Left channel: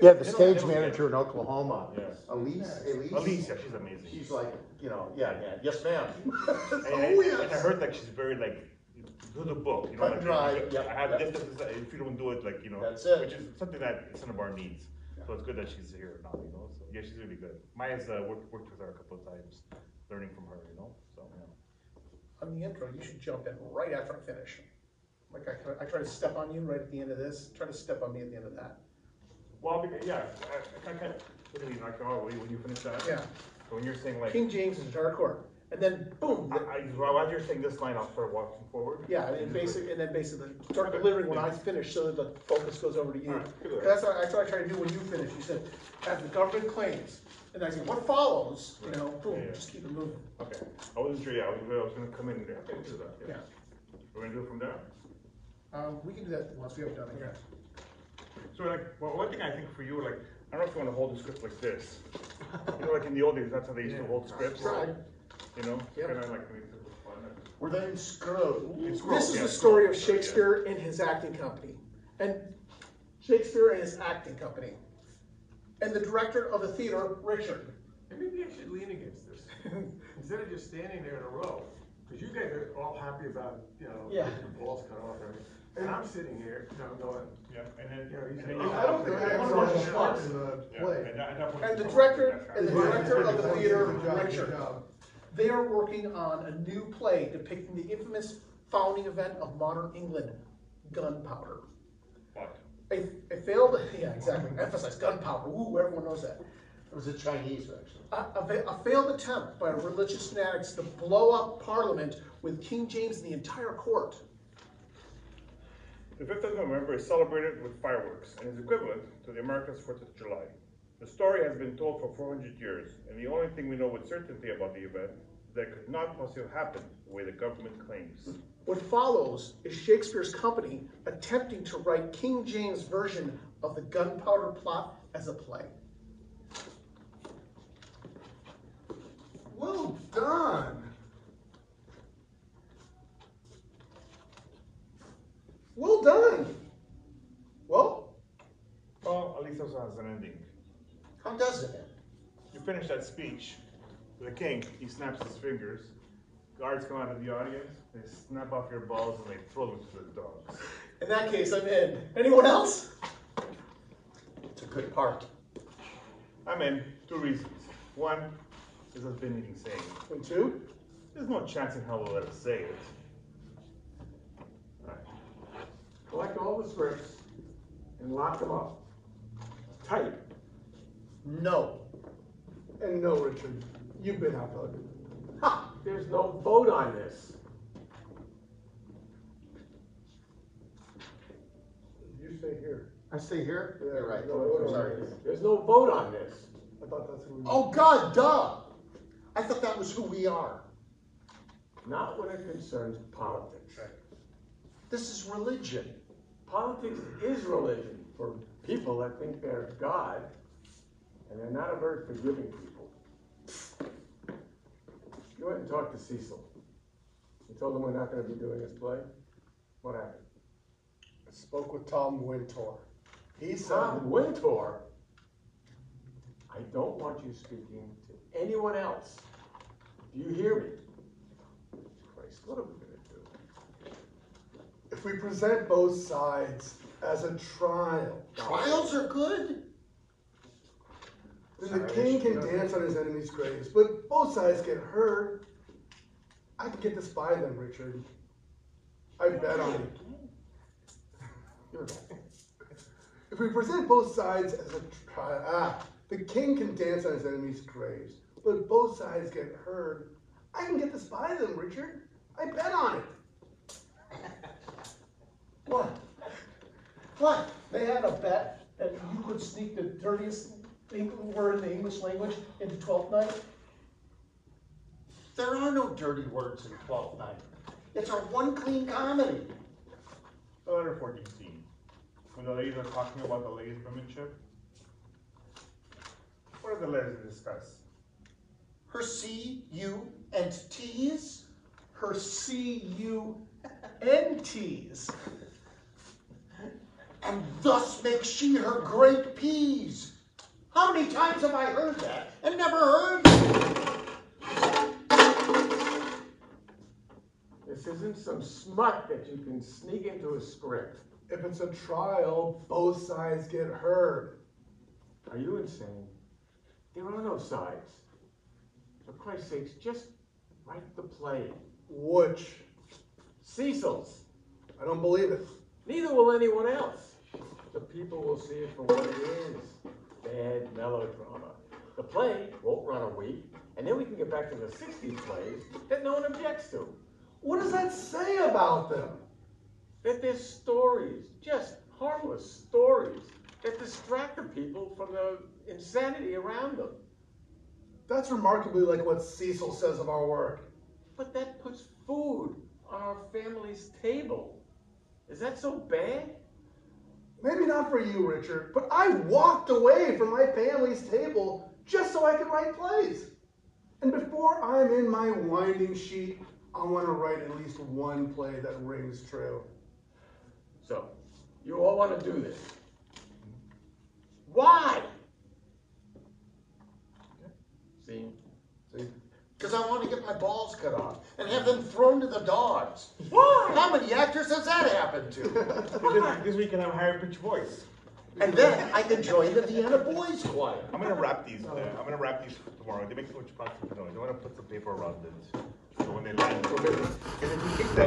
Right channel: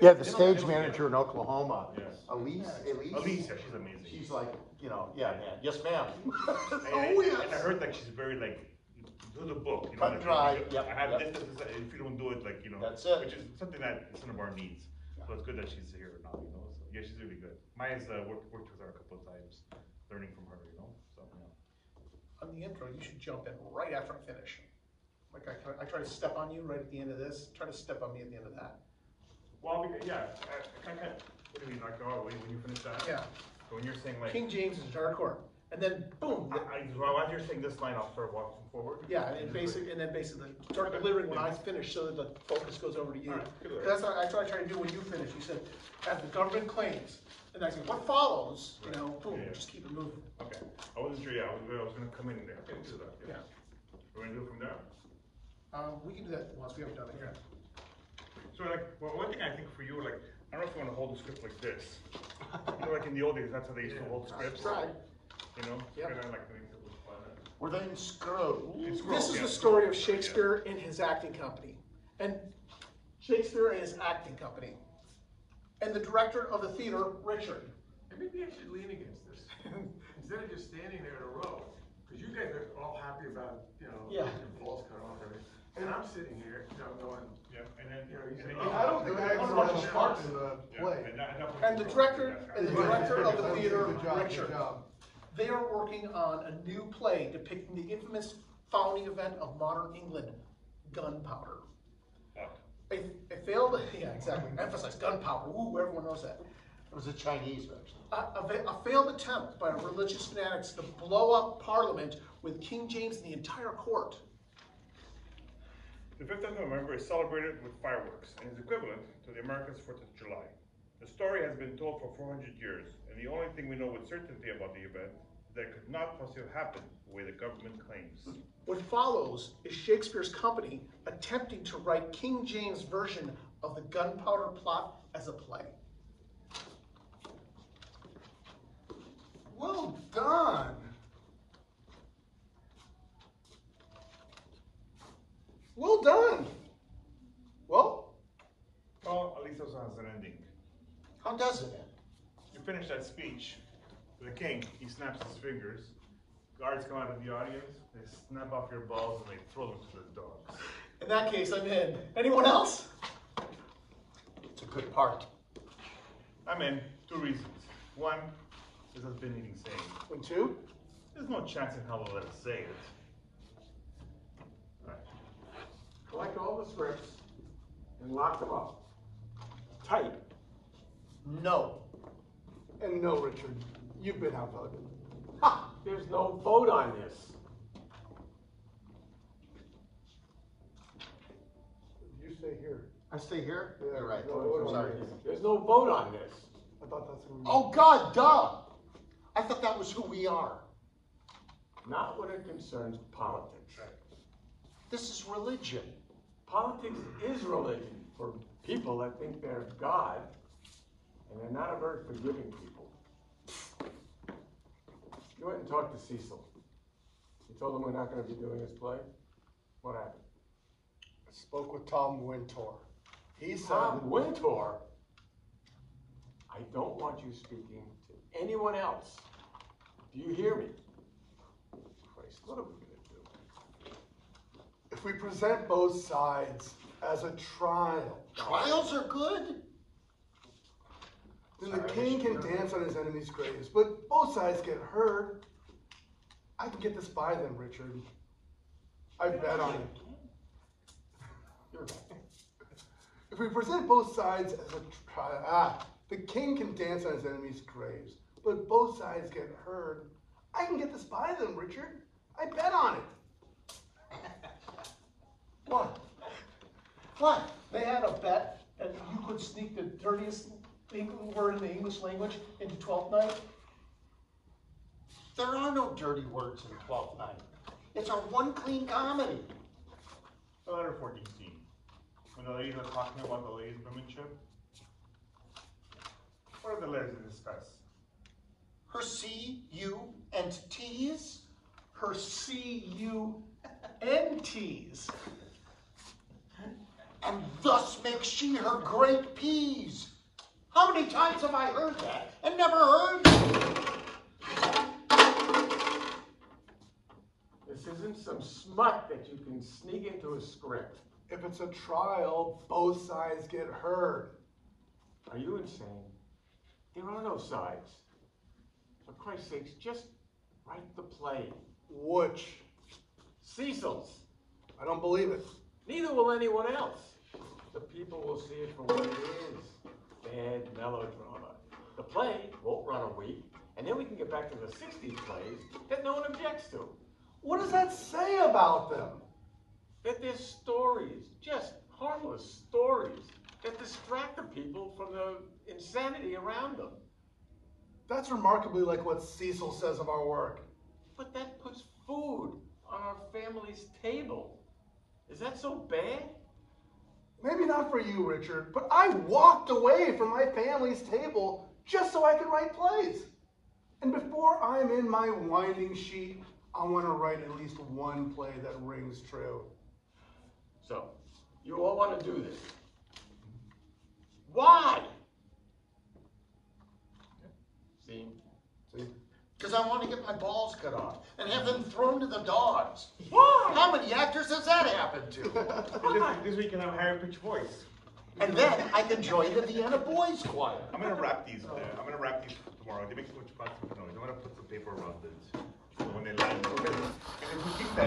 Yeah, the stage manager in Oklahoma, Elise, Elise, she's amazing. she's like, yes ma'am. Oh yes. And I heard that she's very do the book, Cut and dry. I have this, if you don't do it, that's it. Which is something that some of our needs. So it's good that she's here now, So yeah, she's really good. Maya's worked with her a couple of times, learning from her, So yeah. On the intro, you should jump in right after I finish. Like I try to step on you right at the end of this. Try to step on me at the end of that. Well, yeah, I kind of, what do you mean, when you finish that? Yeah. So when you're saying King James is our court, and then boom. While you're saying this line, I'll start walking forward. Yeah, and then basically start delivering when I finish, so that the focus goes over to you. Right, that's what I try to do when you finish. You said, as the government claims, and I say, what follows? Right. Boom, just keep it moving. Okay. I wasn't sure. Yeah, I was going to come in there. Okay, do that. Yeah. We're going to do it from there. We can do that once we have it done here. So one thing I think for you, I don't know if you want to hold the script like this. Like in the old days, that's how they used to hold scripts. Right. Yeah. We're then screwed. This is the story of Shakespeare and his acting company. And Shakespeare and his acting company. And the director of the theater, Richard. And maybe I should lean against this instead of just standing there in a row. Because you guys are all happy about, your balls cut off and everything. And I'm sitting here, going, and then, I don't think I want to watch the parts in the play. And the director of the theater, Richard. They are working on a new play depicting the infamous founding event of modern England, gunpowder. What? A failed, yeah, exactly. Emphasize gunpowder. Ooh, everyone knows that. It was a Chinese, actually. A failed attempt by religious fanatics to blow up Parliament with King James and the entire court. The 5th of November is celebrated with fireworks and is equivalent to the Americans' 4th of July. The story has been told for 400 years, and the only thing we know with certainty about the event is that it could not possibly happen the way the government claims. What follows is Shakespeare's company attempting to write King James' version of the gunpowder plot as a play. Well done. Well done. Well, at least also has an ending. How does it end? You finish that speech, the king, he snaps his fingers, guards come out of the audience, they snap off your balls and they throw them to the dogs. In that case, I'm in. Anyone else? It's a good part. I'm in. 2 reasons. 1 is I've been eating saying. And 2? There's no chance in hell they'll let us say it. Collect all the scripts and lock them up. Tight. No. And no, Richard, you've been outvoted. Ha! There's no vote on this. You stay here. I stay here? Yeah, you're right. No, Sorry. There's no vote on this. I thought that's who we Oh, God, duh! I thought that was who we are. Not when it concerns politics. This is religion. Politics is religion for people that think they're God, and they're not a very forgiving people. You went and talked to Cecil. You told him we're not going to be doing this play. What happened? I spoke with Tom Wintour. He said, Tom Wintour? I don't want you speaking to anyone else. Do you hear me? Christ, what are we going to do? if we present both sides as a trial, Trials are good. then the king can dance on his enemies' graves, but both sides get heard. I can get this by them, Richard. I bet on it. If we present both sides as a trial, the king can dance on his enemies' graves, but both sides get heard. I can get this by them, Richard. I bet on it. What? What? They had a bet that you could sneak the dirtiest word in the English language into Twelfth Night. There are no dirty words in Twelfth Night. It's our one clean comedy. The letter 14 scene. When the ladies are talking about the ladies' womanship, what are the letters to discuss? Her C, U, and T's? Her C-U-N-T's. and thus makes she her great peas. How many times have I heard that and never heard? This isn't some smut that you can sneak into a script. If it's a trial, both sides get heard. Are you insane? There are no sides. For Christ's sakes, just write the play. Which? Cecil's. I don't believe it. Neither will anyone else. The people will see it for what it is. Bad melodrama. The play won't run a week, and then we can get back to the 60s plays that no one objects to. What does that say about them? That they're stories, just harmless stories, that distract the people from the insanity around them. That's remarkably like what Cecil says of our work. But that puts food on our family's table. Is that so bad? Maybe not for you, Richard, but I walked away from my family's table just so I could write plays. And before I'm in my winding sheet, I want to write at least one play that rings true. So, you all want to do this. Why? See? Because I want to get my balls cut off and have them thrown to the dogs. Why? How many actors has that happened to? Because we can have a higher pitched voice. And then I can join the Vienna Boys Choir. I'm gonna wrap these. I'm gonna wrap these tomorrow. They make so much constant noise. I wanna put some paper around this. So when they land, and if you kick that.